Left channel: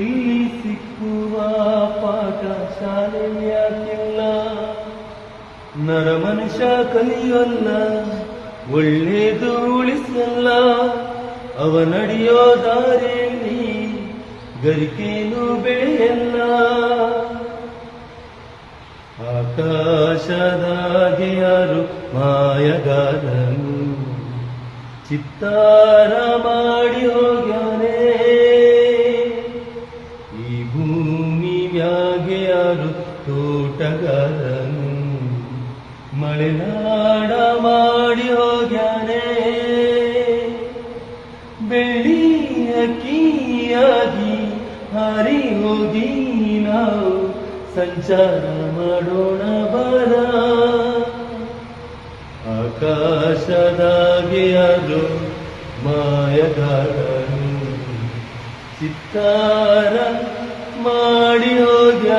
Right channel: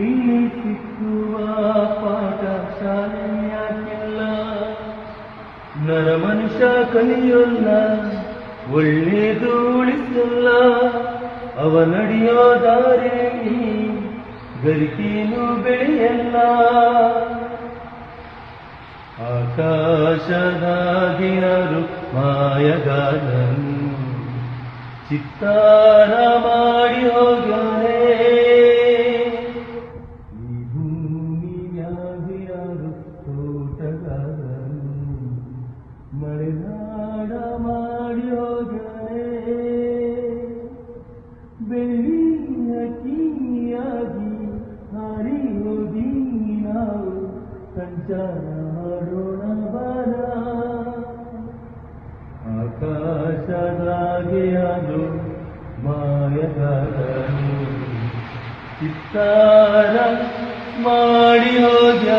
ಇಲ್ಲಿ ಸಿಕ್ಕುವ ಪಾಠ ಶಾಲೆಯಾಕಿಲ್ಲ. ನರಮನುಷ್ಯ ಕಲಿಯಲ್ಲ, ಒಳ್ಳೆದು ಉಳಿಸಲ್ಲ. ಅವ ನಡೆಯೋ ದಾರಿಯಲ್ಲಿ ಗರಿಕೇನು ಬೆಳೆಯಲ್ಲ. ಆಕಾಶದಾಗೆ ಯಾರು ಮಾಯಗಾರನು ಚಿತ್ತಾರ ಮಾಡಿ ಹೋಗ್ಯಾನೆ. ಈ ಭೂಮಿ ಮ್ಯಾಗೆ ಯಾರು ತೋಟಗಾರನು ಮಳೆನಾಡ ಮಾಡಿ ಹೋಗ್ಯಾನೆ. ಬೆಳ್ಳಿ ಅಕ್ಕಿಯಾಗಿ ಹಾರಿ ಹೋಗಿ ನಾವು ಸಂಚಾರ ಮಾಡೋಣ ಬರ. ಆಕಾಶದಾಗೆ ಯಾರು ಮಾಯಗಾರನು ಚಿತ್ತಾರ ಮಾಡಿ ಹೋಗ್ಯ